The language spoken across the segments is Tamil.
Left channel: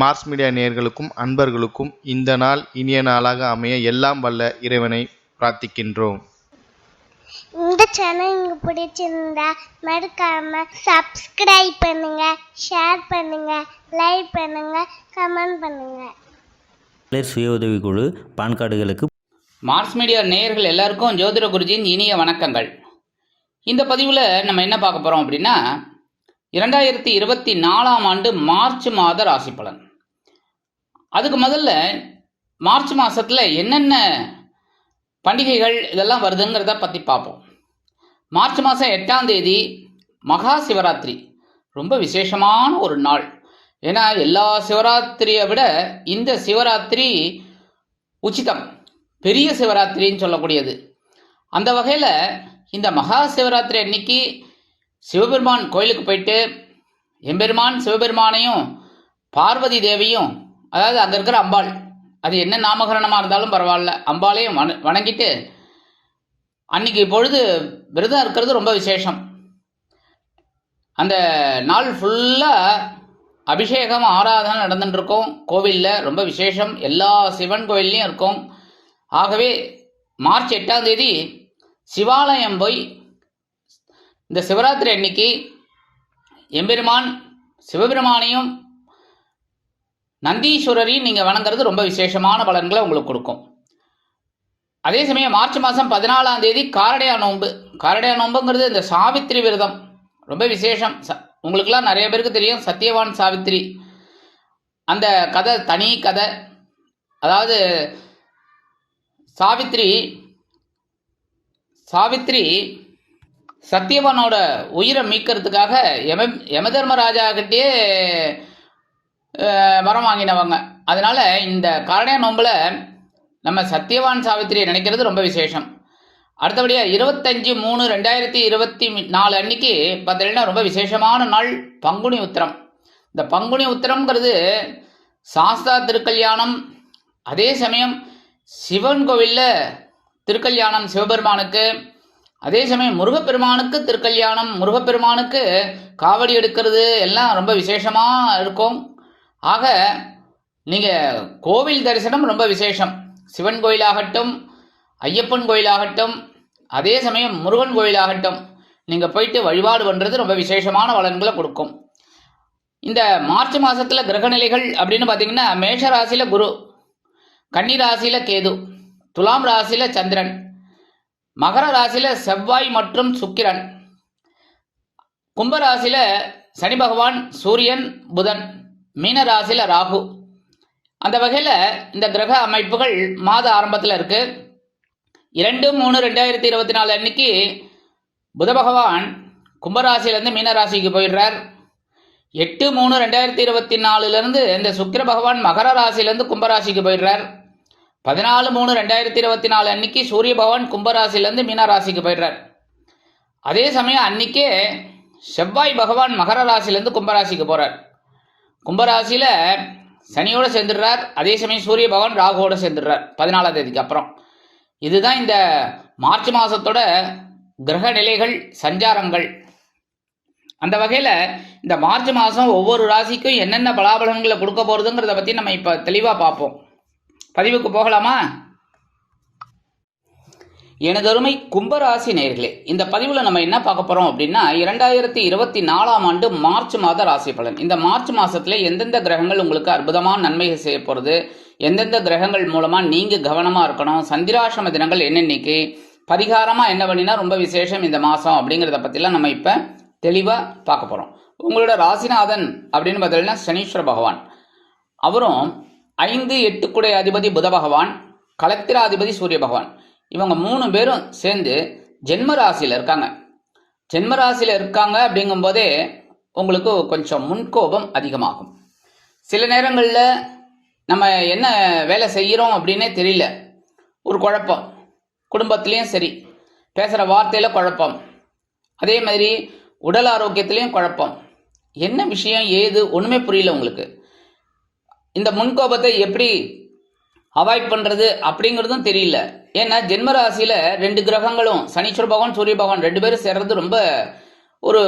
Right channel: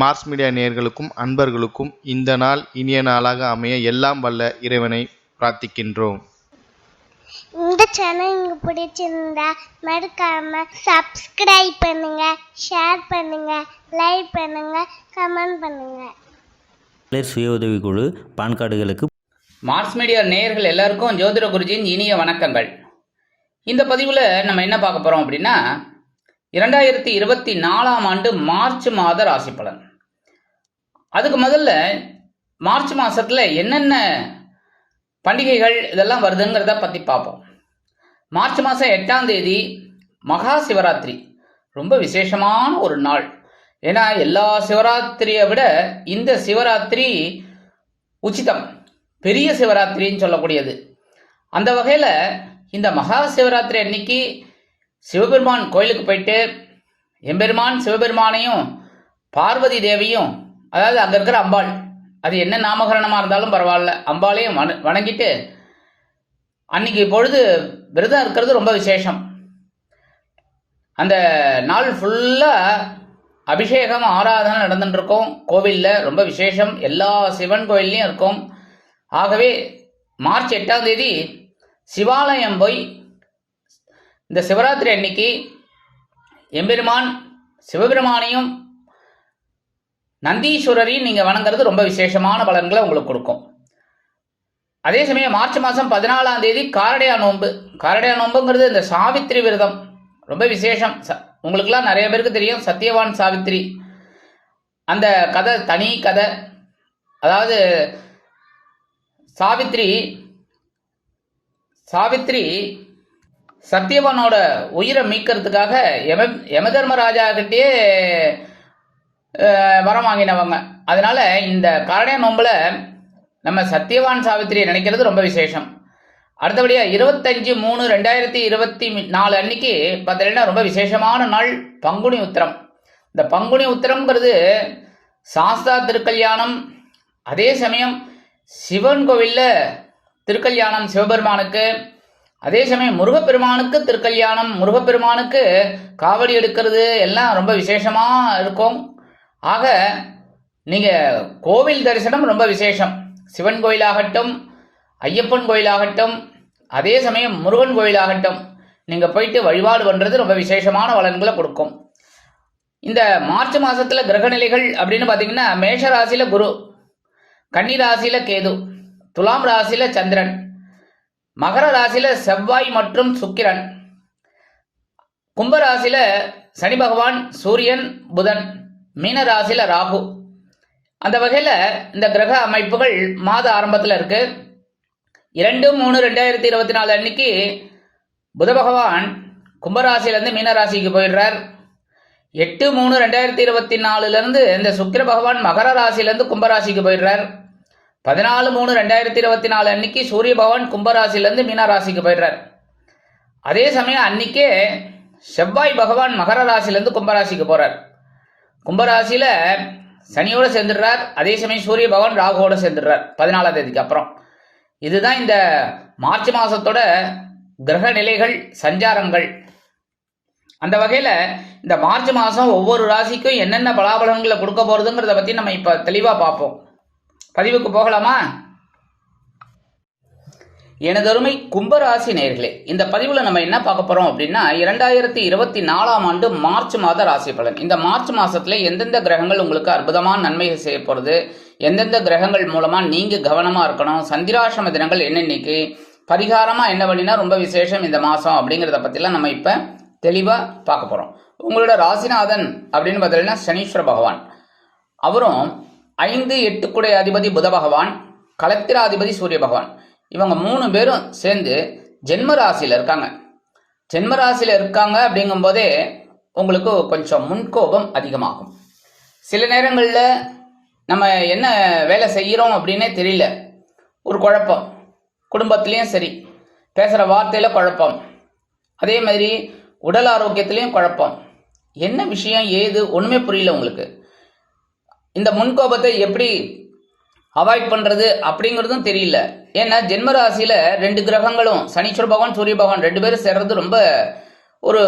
மார்ஸ் மீடியா நேயர்களுக்கும் அன்பர்களுக்கும் இந்த நாள் இனிய நாளாக அமைய எல்லாம் வல்ல இறைவனை பிரார்த்திக்கின்றோம். இந்த சேனல் உங்களுக்கு பிடிச்சிருந்தா மறக்காம சப்ஸ்கிரைப் பண்ணுங்க, ஷேர் பண்ணுங்க, லைக் பண்ணுங்க, கமெண்ட் பண்ணுங்க. சுய உதவிக்குழு பான் கார்டுகளுக்கு மார்ஸ் மீடியா நேயர்கள் எல்லாருக்கும் ஜோதிட குருஜியின் இனிய வணக்கங்கள். இந்த பதிவில் நம்ம என்ன பார்க்க போகிறோம் அப்படின்னா 2024 ஆண்டு மார்ச் மாத ராசி பலன். அதுக்கு முதல்ல மார்ச் மாதத்தில் என்னென்ன பண்டிகைகள் இதெல்லாம் வருதுங்கிறத பற்றி பார்ப்போம். மார்ச் மாதம் 8ஆம் தேதி மகா சிவராத்திரி, ரொம்ப விசேஷமான ஒரு நாள். ஏன்னா எல்லா சிவராத்திரியை விட இந்த சிவராத்திரி உச்சிதம், பெரிய சிவராத்திரின்னு சொல்லக்கூடியது. அந்த வகையில் இந்த மகா சிவராத்திரி அன்னைக்கு சிவபெருமான் கோயிலுக்கு போயிட்டு எம்பெருமான் சிவபெருமானையும் பார்வதி தேவியும், அதாவது அங்கே இருக்கிற அம்பாள், அது என்ன நாமகரணமாக இருந்தாலும் பரவாயில்ல, அம்பாளையும் வணங்கிட்டு அன்னைக்கு பொழுது விரதம் இருக்கிறது ரொம்ப விசேஷம். அந்த நாள் ஃபுல்லாக அபிஷேகம் ஆராதனை நடந்துட்டு இருக்கும் கோவிலில், ரொம்ப விசேஷம். எல்லா சிவன் கோயில்லையும் இருக்கும். ஆகவே மார்ச் 8ஆம் தேதி சிவாலயம் போய் இந்த சிவராத்திரி அன்னைக்கு எம்பெருமான் சிவபெருமானையும் நந்தீஸ்வரரையும் நீங்கள் வணங்குறது ரொம்ப விசேஷமான பலன்களை உங்களுக்கு கொடுக்கும். அதே சமயம் மார்ச் மாதம் 14ஆம் தேதி காரடையா நோன்பு. காரடையா நோன்புங்கிறது இந்த சாவித்திரி விரதம், ரொம்ப விசேஷம். உங்களுக்கெல்லாம் நிறைய பேருக்கு தெரியும் சத்தியவான் சாவித்திரி. அந்த கதை தனி கதை. அதாவது சாவித்திரி சத்தியவானோட உயிரை மீட்கிறதுக்காக யமதர்மராஜா கிட்டே வரம் வாங்கினவங்க. அதனால இந்த காரடையா நோம்பில் நம்ம சத்தியவான் சாவித்திரியை நினைக்கிறது ரொம்ப விசேஷம். அடுத்தபடியாக 25/3/2024 அன்னைக்கு பார்த்தீங்கன்னா ரொம்ப விசேஷமான நாள் பங்குனி உத்திரம். இந்த பங்குனி உத்திரம்ங்கிறது சாஸ்தா திருக்கல்யாணம். அதே சமயம் சிவன் கோவிலில் திருக்கல்யாணம் சிவபெருமானுக்கு, அதே சமயம் முருகப்பெருமானுக்கு திருக்கல்யாணம், முருகப்பெருமானுக்கு காவடி எடுக்கிறது எல்லாம் ரொம்ப விசேஷமாக இருக்கும். ஆக நீங்கள் கோவில் தரிசனம் ரொம்ப விசேஷம். சிவன் கோயிலாகட்டும், ஐயப்பன் கோயிலாகட்டும், அதே சமயம் முருகன் கோயிலாகட்டும், நீங்கள் போயிட்டு வழிபாடு பண்ணுறது ரொம்ப விசேஷமான பலன்களை கொடுக்கும். இந்த மார்ச் மாதத்தில் கிரகநிலைகள் அப்படின்னு பார்த்தீங்கன்னா மேஷ ராசியில் குரு, கன்னி ராசியில் கேது, துலாம் ராசியில் சந்திரன், மகர ராசியில் செவ்வாய் மற்றும் சுக்கிரன், கும்பராசியில் சனி பகவான், சூரியன், புதன், மீன ராசியில் ராகு. அந்த வகையில் இந்த கிரக அமைப்புகள் மாத ஆரம்பத்தில் இருக்கு. 2/3/2024 அன்னைக்கு புத பகவான் கும்பராசியிலேருந்து மீன ராசிக்கு போயிடுறார். 8/3/2024 இந்த சுக்கிர பகவான் மகர ராசியிலேருந்து கும்பராசிக்கு போயிடுறார். 14/3/2024 அன்னைக்கு சூரிய பகவான் கும்பராசிலேருந்து மீன ராசிக்கு போயிடுறார். அதே சமயம் அன்னைக்கே செவ்வாய் பகவான் மகர ராசிலேருந்து கும்பராசிக்கு போகிறார். கும்பராசியில் சனியோடு சேர்ந்துடுறார். அதே சமயம் சூரிய பகவான் ராகுவோடு சேர்ந்துடுறார் 14ஆம் தேதிக்கு அப்புறம். இதுதான் இந்த மார்ச் மாதத்தோட கிரக நிலைகள், சஞ்சாரங்கள். அந்த வகையில் இந்த மார்ச் மாதம் ஒவ்வொரு ராசிக்கும் என்னென்ன பலாபலன்களை கொடுக்க போகிறதுங்கிறத பற்றி நம்ம இப்போ தெளிவாக பார்ப்போம். பதிவுக்கு போகலாமா? எனதருமை கும்பராசி நேயர்களே, இந்த பதிவில் நம்ம என்ன பார்க்க போகிறோம் அப்படின்னா 2024 ஆண்டு மார்ச் மாத ராசி பலன். இந்த மார்ச் மாதத்தில் எந்தெந்த கிரகங்கள் உங்களுக்கு அற்புதமான நன்மைகள் செய்ய போகிறது, எந்தெந்த கிரகங்கள் மூலமாக நீங்கள் கவனமாக இருக்கணும், சந்திராசிரம தினங்கள் என்னென்னைக்கு, பரிகாரமாக என்ன பண்ணினா ரொம்ப விசேஷம் இந்த மாதம் அப்படிங்கிறத பற்றிலாம் நம்ம இப்போ தெளிவாக பார்க்க போகிறோம். உங்களோட ராசிநாதன் அப்படின்னு பார்த்தீங்கன்னா சனீஸ்வர பகவான். அவரும் 5-8 குடை அதிபதி புத பகவான், கலத்திராதிபதி சூரிய பகவான், இவங்க 3 பேரும் சேர்ந்து ஜென்ம ராசியில் இருக்காங்க. ஜென்ம ராசியில் இருக்காங்க அப்படிங்கும்போதே உங்களுக்கு கொஞ்சம் முன்கோபம் அதிகமாகும். சில நேரங்களில் நம்ம என்ன வேலை செய்கிறோம் அப்படின்னே தெரியல, ஒரு குழப்பம். குடும்பத்துலேயும் சரி, பேசுகிற வார்த்தையில் குழப்பம், அதே மாதிரி உடல் ஆரோக்கியத்துலேயும் குழப்பம். என்ன விஷயம் ஏது ஒன்றுமே புரியல உங்களுக்கு. இந்த முன்கோபத்தை எப்படி அவாய்ட் பண்ணுறது அப்படிங்கிறதும் தெரியல. ஏன்னா ஜென்மராசியில் 2 கிரகங்களும் சனீஸ்வர பகவான் சூரிய பகவான் 2 பேரும் சேர்றது ரொம்ப ஒரு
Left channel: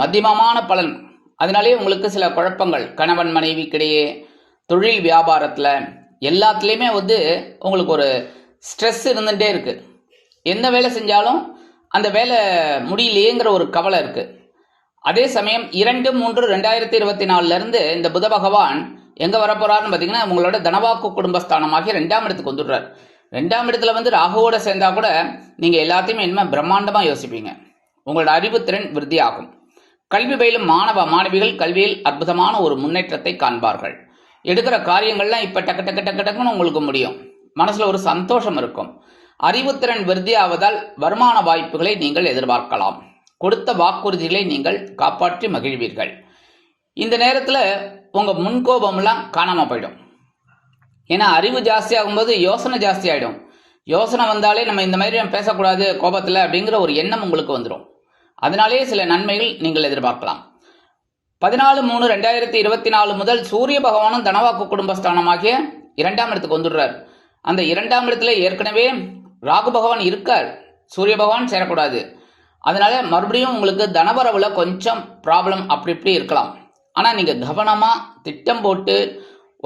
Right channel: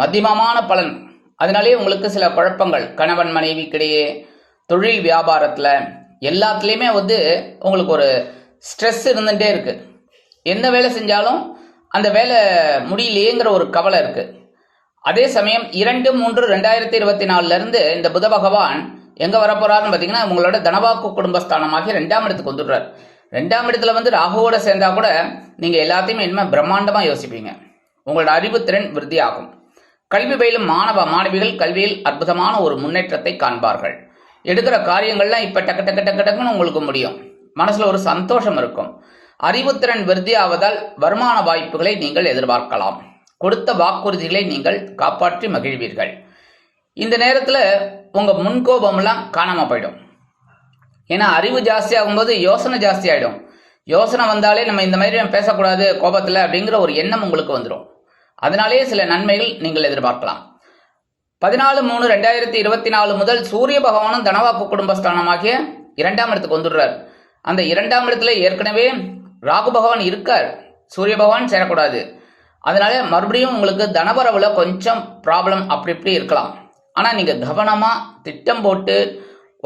மத்தியமமான பலன். அதனாலே உங்களுக்கு சில குழப்பங்கள் கணவன் மனைவிக்கிடையே, தொழில் வியாபாரத்தில் எல்லாத்துலேயுமே வந்து உங்களுக்கு ஒரு ஸ்ட்ரெஸ் இருந்துகிட்டே இருக்குது. எந்த வேலை செஞ்சாலும் அந்த வேலை முடியலையேங்கிற ஒரு கவலை இருக்குது. அதே சமயம் 2/3/2024 இந்த புத பகவான் எங்கே வரப்போறாருன்னு பார்த்தீங்கன்னா உங்களோட தனவாக்கு குடும்பஸ்தானமாகி 2ஆம் இடத்துக்கு வந்துடுறார். 2ஆம் இடத்துல வந்து ராகுவோட சேர்ந்தா கூட நீங்கள் எல்லாத்தையுமே இனிமேல் பிரம்மாண்டமாக யோசிப்பீங்க. உங்களோட அறிவுத்திறன் விருத்தி ஆகும். கல்வி பயிலும் மாணவ மாணவிகள் கல்வியில் அற்புதமான ஒரு முன்னேற்றத்தை காண்பார்கள். எடுக்கிற காரியங்கள்லாம் இப்போ டக்கு டக்கு டக்கு டக்குன்னு உங்களுக்கு முடியும். மனசில் ஒரு சந்தோஷம் இருக்கும். அறிவுத்திறன் விருத்தி ஆவதால் வருமான வாய்ப்புகளை நீங்கள் எதிர்பார்க்கலாம். கொடுத்த வாக்குறுதிகளை நீங்கள் காப்பாற்றி மகிழ்வீர்கள். இந்த நேரத்தில் உங்கள் முன்கோபம்லாம் காணாமல் போயிடும். ஏன்னா அறிவு ஜாஸ்தி ஆகும்போது யோசனை ஜாஸ்தி ஆகிடும். யோசனை வந்தாலே நம்ம இந்த மாதிரி பேசக்கூடாது கோபத்தில் அப்படிங்கிற ஒரு எண்ணம் உங்களுக்கு வந்துடும். அதனாலே சில நன்மைகள் நீங்கள் எதிர்பார்க்கலாம். 14/3/2024 முதல் சூரிய பகவானும் தனவாக்கு குடும்பஸ்தானமாகிய 2ஆம் இடத்துக்கு வந்துடுறார். அந்த 2ஆம் இடத்துல ஏற்கனவே ராகு பகவான் இருக்கார். சூரிய பகவான் சேரக்கூடாது. அதனால மறுபடியும் உங்களுக்கு தனவரவுல கொஞ்சம் ப்ராப்ளம் அப்படி இப்படி இருக்கலாம். ஆனால் நீங்கள் கவனமாக திட்டம் போட்டு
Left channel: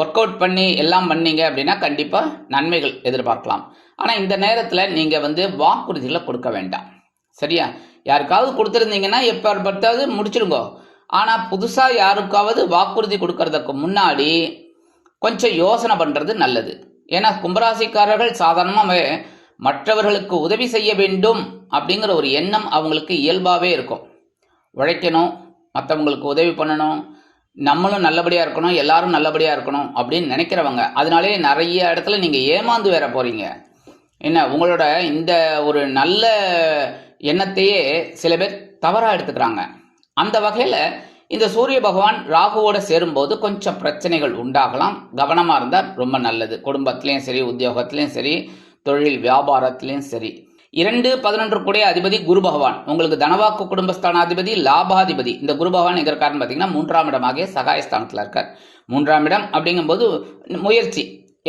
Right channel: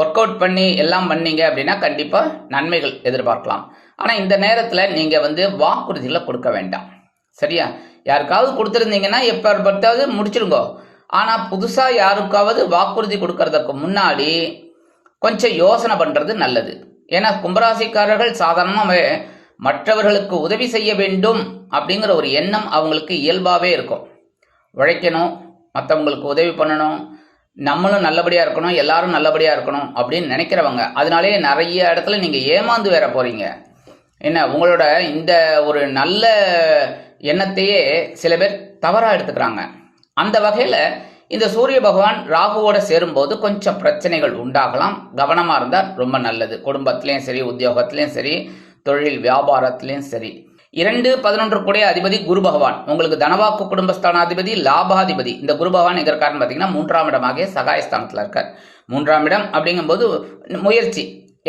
ஒர்க் அவுட் பண்ணி எல்லாம் பண்ணீங்க அப்படின்னா கண்டிப்பாக நன்மைகள் எதிர்பார்க்கலாம். ஆனால் இந்த நேரத்தில் நீங்கள் வந்து வாக்குறுதிகளை கொடுக்க வேண்டாம். சரியா? யாருக்காவது கொடுத்துருந்தீங்கன்னா எப்போ பார்த்தாவது முடிச்சிருங்கோ. ஆனால் புதுசாக யாருக்காவது வாக்குறுதி கொடுக்கறதுக்கு முன்னாடி கொஞ்சம் யோசனை பண்ணுறது நல்லது. ஏன்னா கும்பராசிக்காரர்கள் சாதாரணமாக மற்றவர்களுக்கு உதவி செய்ய வேண்டும் அப்படிங்கிற ஒரு எண்ணம் அவங்களுக்கு இயல்பாகவே இருக்கும். உழைக்கணும், மற்றவங்களுக்கு உதவி பண்ணணும், நம்மளும் நல்லபடியாக இருக்கணும், எல்லாரும் நல்லபடியாக இருக்கணும் அப்படின்னு நினைக்கிறவங்க. அதனாலே நிறைய இடத்துல நீங்கள் ஏமாந்து வேற போகிறீங்க. என்ன உங்களோட இந்த ஒரு நல்ல எண்ணத்தையே சில பேர் தவறாக எடுத்துக்கிறாங்க. அந்த வகையில் இந்த சூரிய பகவான் ராகுவோட சேரும்போது கொஞ்சம் பிரச்சனைகள் உண்டாகலாம். கவனமாக இருந்தால் ரொம்ப நல்லது. குடும்பத்திலையும் சரி, உத்தியோகத்திலையும் சரி, தொழில் வியாபாரத்திலையும் சரி. 2/11 கூடிய அதிபதி குரு பகவான் உங்களுக்கு தனவாக்கு குடும்பஸ்தானாதிபதி, லாபாதிபதி. இந்த குரு பகவான் எங்க இருக்காருன்னு பார்த்தீங்கன்னா 3ஆம் இடமாகிய சகாயஸ்தானத்தில் இருக்கார். 3ஆம் இடம் அப்படிங்கும்போது முயற்சி.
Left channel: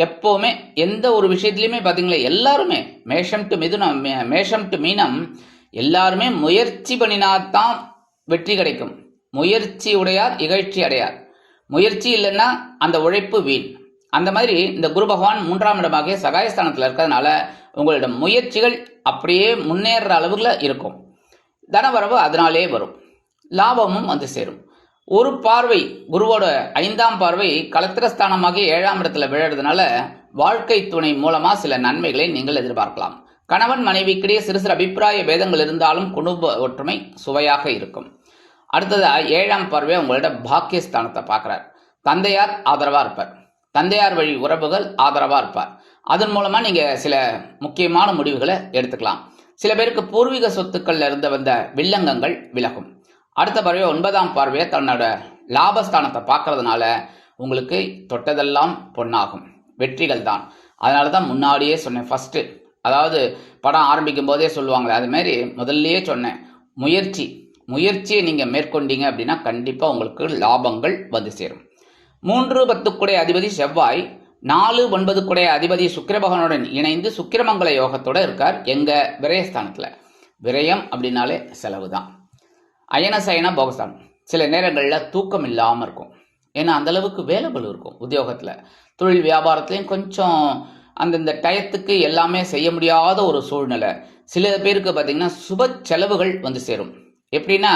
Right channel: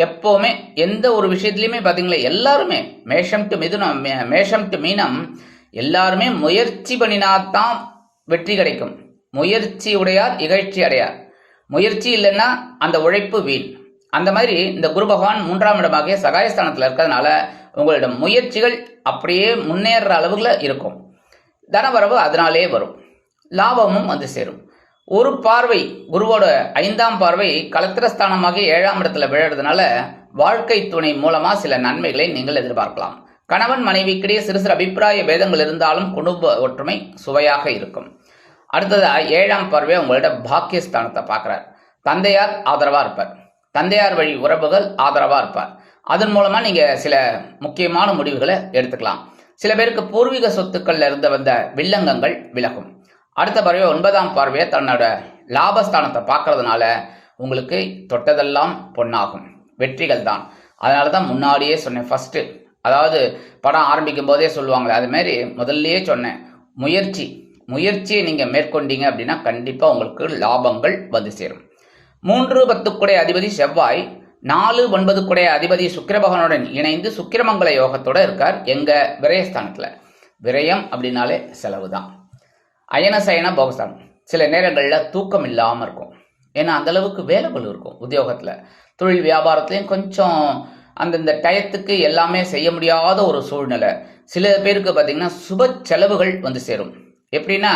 எப்போவுமே எந்த ஒரு விஷயத்துலையுமே பார்த்தீங்களா எல்லாருமே மேஷம் டு மிதுனம், மேஷம் டு மீனம் எல்லாருமே முயற்சி பண்ணினாத்தான் வெற்றி கிடைக்கும். முயற்சி உடையார் இகழ்ச்சி அடையார். முயற்சி இல்லைன்னா அந்த உழைப்பு வீண். அந்த மாதிரி இந்த குரு பகவான் 3ஆம் இடமாகிய சகாயஸ்தானத்தில் இருக்கிறதுனால உங்களிடம் முயற்சிகள் அப்படியே முன்னேற அளவுல இருக்கும். தனவரவு அதனாலே வரும். லாபமும் வந்து சேரும். ஒரு பார்வை குருவோட 5ஆம் பார்வை கலத்திரஸ்தானமாகி 7ஆம் இடத்துல விழுறதுனால வாழ்க்கை துணை மூலமா சில நன்மைகளை நீங்கள் எதிர்பார்க்கலாம். கணவன் மனைவிக்கிடையே சிறு சிறு அபிப்பிராய பேதங்கள் இருந்தாலும் குடும்ப ஒற்றுமை சுவையாக இருக்கும். அடுத்ததா 7ஆம் பார்வை உங்களோட பாக்கியஸ்தானத்தை பார்க்கிறார். தந்தையார் ஆதரவா இருப்பார். தந்தையார் வழி உறவுகள் ஆதரவா இருப்பார். அதன் மூலமா நீங்க சில முக்கியமான முடிவுகளை எடுத்துக்கலாம். சில பேருக்கு பூர்வீக சொத்துக்கள்ல இருந்து வந்த வில்லங்கங்கள் விலகும். அடுத்த பார்வை 9ஆம் பார்வையை தன்னோட லாபஸ்தானத்தை பார்க்கறதுனால உங்களுக்கு தொட்டதெல்லாம் பொன்னாகும். வெற்றிகள் தான். அதனால தான் முன்னாடியே சொன்னேன். ஃபர்ஸ்ட் அதாவது படம் ஆரம்பிக்கும் போதே சொல்லுவாங்களே, அது மாதிரி முதல்லயே சொன்னேன். முயற்சியை நீங்க மேற்கொண்டீங்க அப்படின்னா கண்டிப்பா உங்களுக்கு லாபங்கள் வந்து சேரும். 3/10 கூடிய அதிபதி செவ்வாய், 4/9 கூடிய அதிபதி சுக்கிர பகவானுடன் இணைந்து சுக்கிரமங்கல யோகத்தோட இருக்கார். எங்க விரயஸ்தானத்துல. விரயம் அப்படின்னாலே செலவு தான். அயனசயன போகஸ்தானம். சில நேரங்களில் தூக்கம் இல்லாமல் இருக்கும். ஏன்னா அந்த அளவுக்கு வேலைகள் இருக்கும் உத்தியோகத்தில். தொழில் வியாபாரத்துலேயும் கொஞ்சம் அந்தந்த டயத்துக்கு எல்லாமே செய்ய முடியாத ஒரு சூழ்நிலை. சில பேருக்கு பார்த்தீங்கன்னா சுப செலவுகள் வந்து சேரும். எப்படின்னா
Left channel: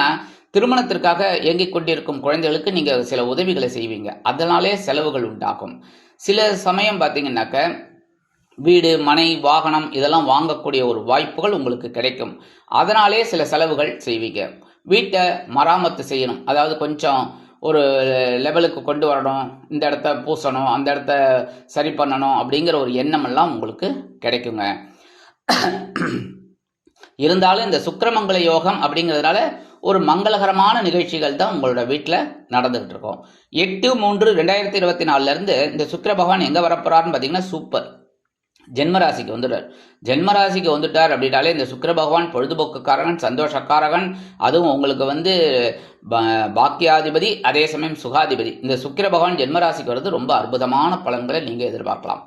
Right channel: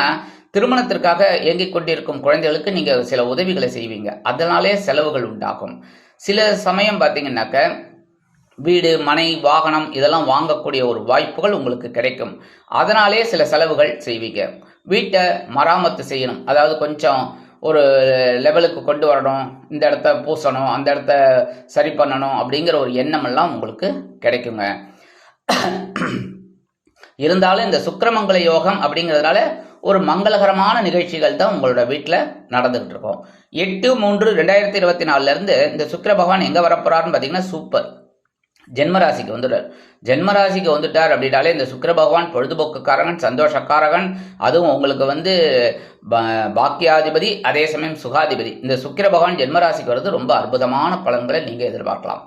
திருமணத்திற்காக இயங்கிக் கொண்டிருக்கும் குழந்தைகளுக்கு நீங்கள் சில உதவிகளை செய்வீங்க. அதனாலே செலவுகள் உண்டாகும். சில சமயம் பார்த்தீங்கன்னாக்க வீடு, மனை, வாகனம் இதெல்லாம் வாங்கக்கூடிய ஒரு வாய்ப்புகள் உங்களுக்கு கிடைக்கும். அதனாலே சில செலவுகள் செய்வீங்க. வீட்டை மராமத்து செய்யணும், அதாவது கொஞ்சம் ஒரு லெவலுக்கு கொண்டு வரணும், இந்த இடத்த பூசணும், அந்த இடத்த சரி பண்ணணும் அப்படிங்கிற ஒரு எண்ணம் எல்லாம் உங்களுக்கு கிடைக்குங்க. இருந்தாலும் இந்த சுக்கிரமங்கல யோகம் அப்படிங்கிறதுனால ஒரு மங்களகரமான நிகழ்ச்சிகள் தான் உங்களோட வீட்டில் நடந்துகிட்டு இருக்கும். 8/3/2024 இந்த சுக்கிர பகவான் எங்கே வரப்போறாருன்னு பார்த்தீங்கன்னா சூப்பர் ஜென்மராசிக்கு வந்துட்டார். ஜென்மராசிக்கு வந்துட்டார் அப்படின்னாலே இந்த சுக்கிர பகவான் பொழுதுபோக்குக்காரகன், சந்தோஷக்காரகன். அதுவும் உங்களுக்கு பாக்கியாதிபதி, அதே சமயம் சுகாதிபதி. இந்த சுக்கிர பகவான் ஜென்மராசிக்கு வருது ரொம்ப அற்புதமான பலன்களை நீங்கள் எதிர்பார்க்கலாம்.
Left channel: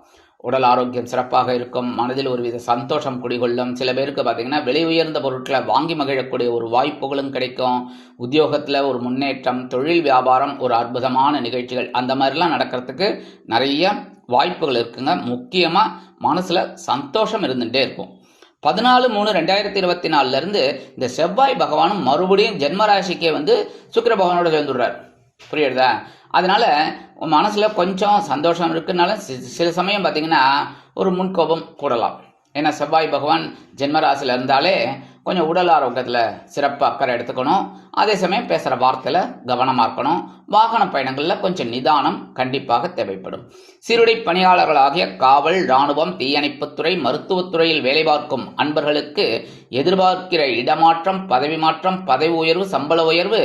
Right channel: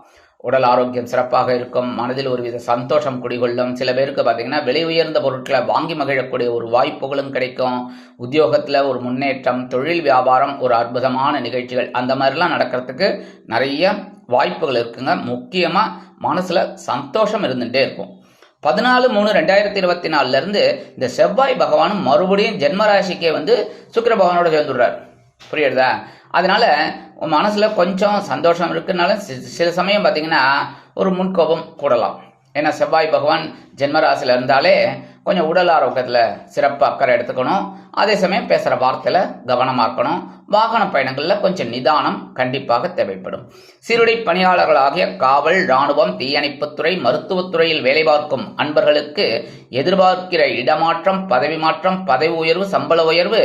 உடல் ஆரோக்கியம் சிறப்பாக இருக்கும். மனதில் ஒருவித சந்தோஷம் குடிகொள்ளும். சில பேருக்கு பார்த்தீங்கன்னா விலை உயர்ந்த பொருட்களை வாங்கி மகிழக்கூடிய ஒரு வாய்ப்புகளும் கிடைக்கும். உத்தியோகத்தில் ஒரு முன்னேற்றம், தொழில் வியாபாரம், ஒரு அற்புதமான நிகழ்ச்சிகள் அந்த மாதிரிலாம் நடக்கிறதுக்கு நிறைய வாய்ப்புகள் இருக்குங்க. முக்கியமாக மனசில் சந்தோஷம் இருந்துகிட்டே இருக்கும். 14/3/2024 இந்த செவ்வாய் பகவானும் மறுபடியும் ஜென்மராசிக்கே சுக்கிர பகவானோட சேர்ந்துடுறார். புரியுறதா? அதனால மனசில் கொஞ்சம் சந்தோஷம் இருக்குனால சில சமயம் பார்த்தீங்கன்னா ஒரு முன்கோபம் கூடலாம். ஏன்னா செவ்வாய் பகவான் ஜென்மராசியில் இருந்தாலே கொஞ்சம் உடல் ஆரோக்கியத்தில் சிறப்பு அக்கறை எடுத்துக்கணும். அதே சமயம் பேசுகிற வார்த்தையில் கவனமாக இருக்கணும். வாகன பயணங்களில் கொஞ்சம் நிதானம் கண்டிப்பாக தேவைப்படும். சீருடை பணியாளர்களாகிய காவல், இராணுவம், தீயணைப்புத்துறை, மருத்துவத்துறையில் வேலை பார்க்கும் அன்பர்களுக்கு எதிர்பார்க்கிற இடமாற்றம், பதவி மாற்றம், பதவி உயர்வு, சம்பள உயர்வு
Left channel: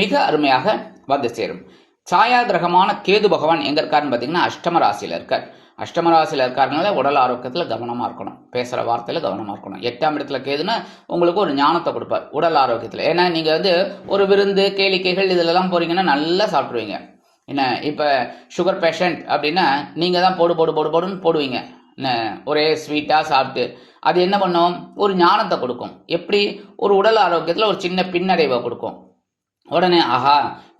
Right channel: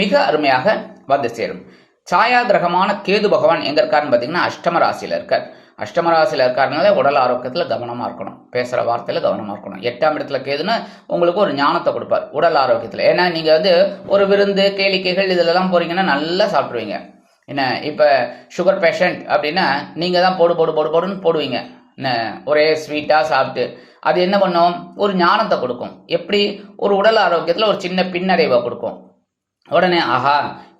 மிக அருமையாக வந்து சேரும். சாயா கிரகமான கேது பகவான் எங்க இருக்காருன்னு பார்த்தீங்கன்னா அஷ்டம ராசியில் இருக்கார். அஷ்டம ராசியில் இருக்காருனால உடல் ஆரோக்கியத்தில் கவனமாக இருக்கணும். பேசுகிற வார்த்தையில் கவனமாக இருக்கணும். 8ஆம் இடத்துல கேதுன்னு உங்களுக்கு ஒரு ஞானத்தை கொடுப்பார் உடல் ஆரோக்கியத்தில். ஏன்னா நீங்கள் ஒரு விருந்து, கேளிக்கைகள் இதிலெல்லாம் போகிறீங்கன்னா நல்லா சாப்பிடுவீங்க. என்ன இப்போ சுகர் பேஷண்ட் அப்படின்னா நீங்கள் தான் போடுன்னு போடுவீங்க. என்ன ஒரே ஸ்வீட்டாக சாப்பிட்டு அது என்ன பண்ணும்? ஒரு ஞானத்தை கொடுக்கும். எப்படி? ஒரு உடல் ஆரோக்கியத்தில் ஒரு சின்ன பின்னடைவை கொடுக்கும். உடனே ஆஹா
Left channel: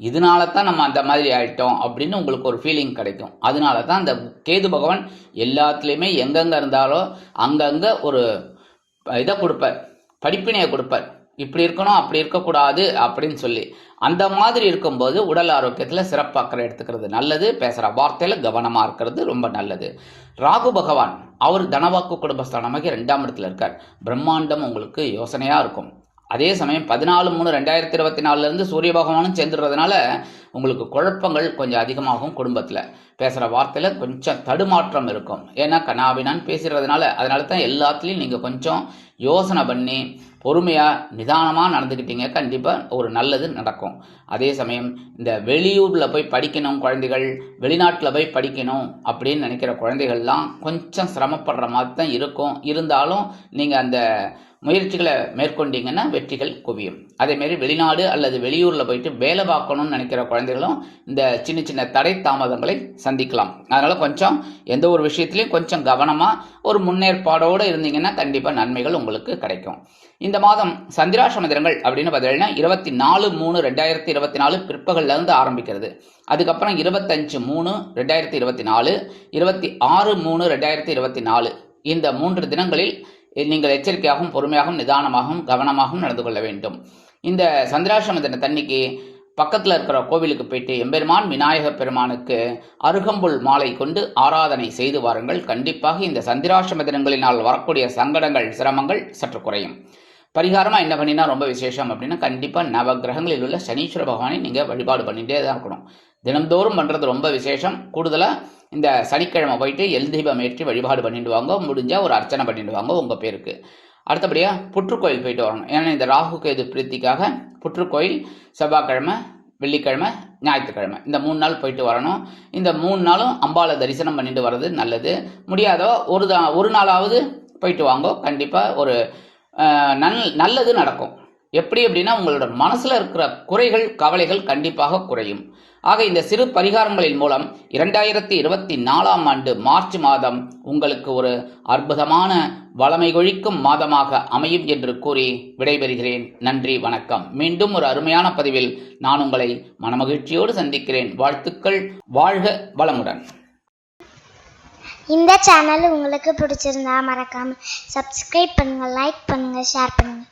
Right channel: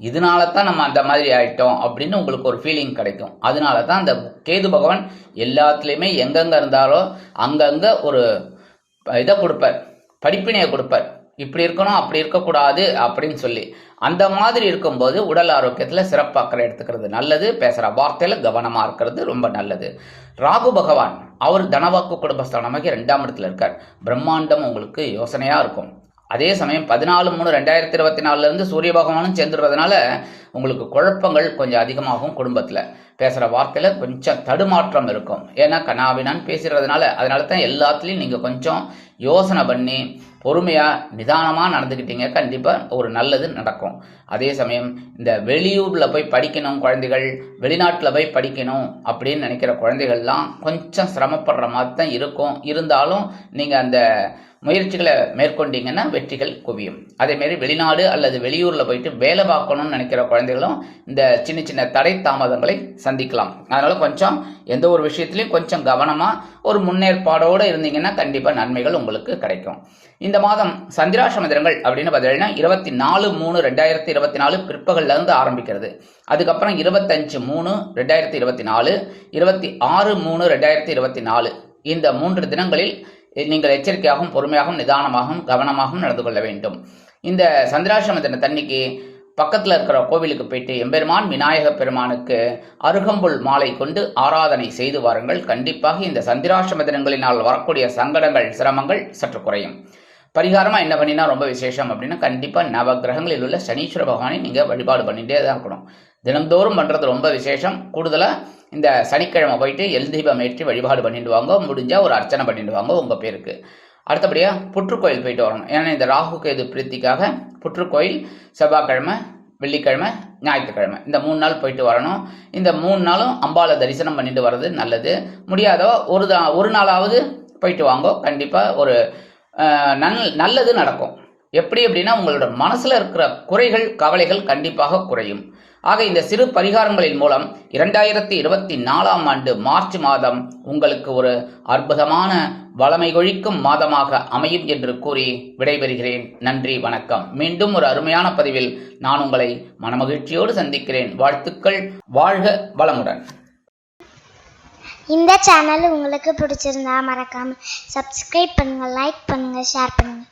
இதனால தான் நம்ம அந்த மாதிரி ஆயிட்டோம் அப்படின்னு உங்களுக்கு ஒரு ஃபீலிங் கிடைக்கும். அதனால தான் அந்த கேது பகவான் எல்லாத்துலேயுமே எங்கெங்கே இருந்தாலும் அங்கங்கே ஒரு இதை கொடுப்பார், படிப்பினையை கொடுப்பார். இப்படி இருக்கணும், அப்படி இருக்கக்கூடாது அப்படின்னு சொல்லி. அந்த மாதிரி இருக்கும்போது உடல் ஆரோக்கியத்தில் சிறப்பு அக்கறை எடுத்துக்கிறது நல்லது. பேசுகிற வார்த்தையில் கவனமாக இருக்கிறது ரொம்ப நல்லது. ராகு பகவான் அவர் தனவாக்கு குடும்பஸ்தானமாகி 2ஆம் இடத்துல இருக்கார். பிரம்மாண்டம் உங்களுக்கு யோசனையாக இருக்கும். அதே சமயம் 14/3/2024 சூரிய பகவானும் சேர்ந்துடுறதுனால உங்களுக்கு குழப்பங்கள் கொஞ்சம் அதிகமாகும். குடும்பத்தில் பேசுகிற வார்த்தையில் கொஞ்சம் தடுமாற்றம் இருக்கும். ஏன்னா கனாபினான்னு பேசுகிறதுனால. அதனால தான் எல்லாத்துலேயும் நீங்கள் கொஞ்சம் யோசனை பண்ணி பொறுமையாக நிதானமாக நடந்துக்கிட்டீங்க, கண்டிப்பாக ஒரு நல்லது நடக்கும். அதே சமயம் இந்த வெளியூரில் போய் படிக்கணும் குழந்தைகள், வெளிநாட்டில் போய் படிக்கணும் அப்படின்னு நினைக்கிற குழந்தைகள்லாம் கொஞ்சம் சிரமப்படுற மாதிரி தான் இருக்கும். இருந்தாலும் நீங்கள் அந்த முயற்சிகளை மேற்கொண்டீங்கன்னா வெற்றிகள் குவியும். அதேமாரி வெளிநாடு அல்லது வெளியூரில் போயிட்டு வேலை பார்க்கணும்னு நினைக்கிற குழந்தைகளும் இந்த சின்ன சின்ன தடை தாமதங்களை சந்திக்கலாம். அதனால் கொஞ்சம் எந்த ஒரு விஷயத்துலையும் கொஞ்சம் கவனமாக ஒரு முன்னேற்பாடோடு இருந்தீங்கன்னா கண்டிப்பாக நன்மைகள் உங்களுக்கு கிடைக்கும். இந்த மாதம் சந்திராஷ்டம தினங்கள் அப்படின்னு பார்த்தீங்கன்னா 24/3/2024 பிற்பகல்லேருந்து ஆரம்பிக்கிறது. அதுக்கப்புறம் 25/3/2024, 26/3/2024 இந்த 3 தினங்களில் நீங்கள் எச்சரிக்கையாகவும் பொறுமையாகவும் நிதானமாகவும் கவனமாகவும் நடந்து கொள்ள வேண்டும். இந்த சந்திராஷ்டம தினத்தன்னைக்கு பக்கத்தில் இருக்கிற கோவிலுக்கு போயிட்டு எம்பெருமான் விநாயக பெருமானுக்கு அருகம்புல் மாலை கொண்டு ஆராதனை செய்து வாருங்கள். கண்டிப்பாக இந்த சந்திராஷ்டம தினங்களினால் வரக்கூடிய சங்கடங்கள், சிரமங்கள் சற்று குறையும். பரிகாரமாக என்ன பண்ணினா ரொம்ப விசேஷம் அப்படின்னா கண்டிப்பாக நவகிரகங்களில் உள்ள சனீஸ்வர பகவானை நீங்கள் வழிபாடு பண்ணிகிட்டே தான் இருக்கணும். தினந்தோறும் பண்ணுறது ரொம்ப விசேஷம். கூடுதலாக இந்த சனிக்கிழமை போயிட்டு எல் தீபம் ஏற்றி வழிபாடு பண்ணிட்டு வாங்க. முடிஞ்சால் ஒரு அர்ச்சனை பண்ணிட்டு வாங்க உங்கள் பேருக்கு. அடுத்தபடியாக புற்றுக்கோயில் போயிட்டு வரணும். ஏன்னா இந்த ராகு கேது பிரீத்திக்காக புற்றுக்கோயில் செவ்வாய்க்கிழமை, வெள்ளிக்கிழமை, ஞாயிற்றுக்கிழமை இந்த 3 நாள் போயிட்டு வரணும். இந்த 3 நாளும் அம்பாளை தரிசனம் பண்ணிட்டு வர்றது நல்லது. முடியாதோ ஒரு நாளாவது போயிட்டு வாங்க. கண்டிப்பாக ஒரு நல்லது நடக்கும். எப்படி அப்படின்னா உங்களோட மனசில் இருக்கிற குறைகள், கவலைகள் கண்டிப்பாக குறையும். ஆக இந்த சிறு பரிகாரங்களின் மூலம் 2024 மார்ச் மாதம் உங்களுக்கு ஒரு அற்புதமான வளமை கொழிக்கும் மாதமாக அமையும் என்று கூறி விடைபெறுகிறேன். நன்றி, வணக்கம். மீண்டும் ஒரு அருமையான பதிவில் நான் உங்களை மனமகிழ்ச்சியோடு சந்திக்கிறேன். வாழ்த்துக்கள். வாழ்க வளமுடன். இந்த சேனல் உங்களுக்கு பிடிச்சிருந்தா மறக்காம சப்ஸ்கிரைப் பண்ணுங்க, லைக் பண்ணுங்க, ஷேர் பண்ணுங்க.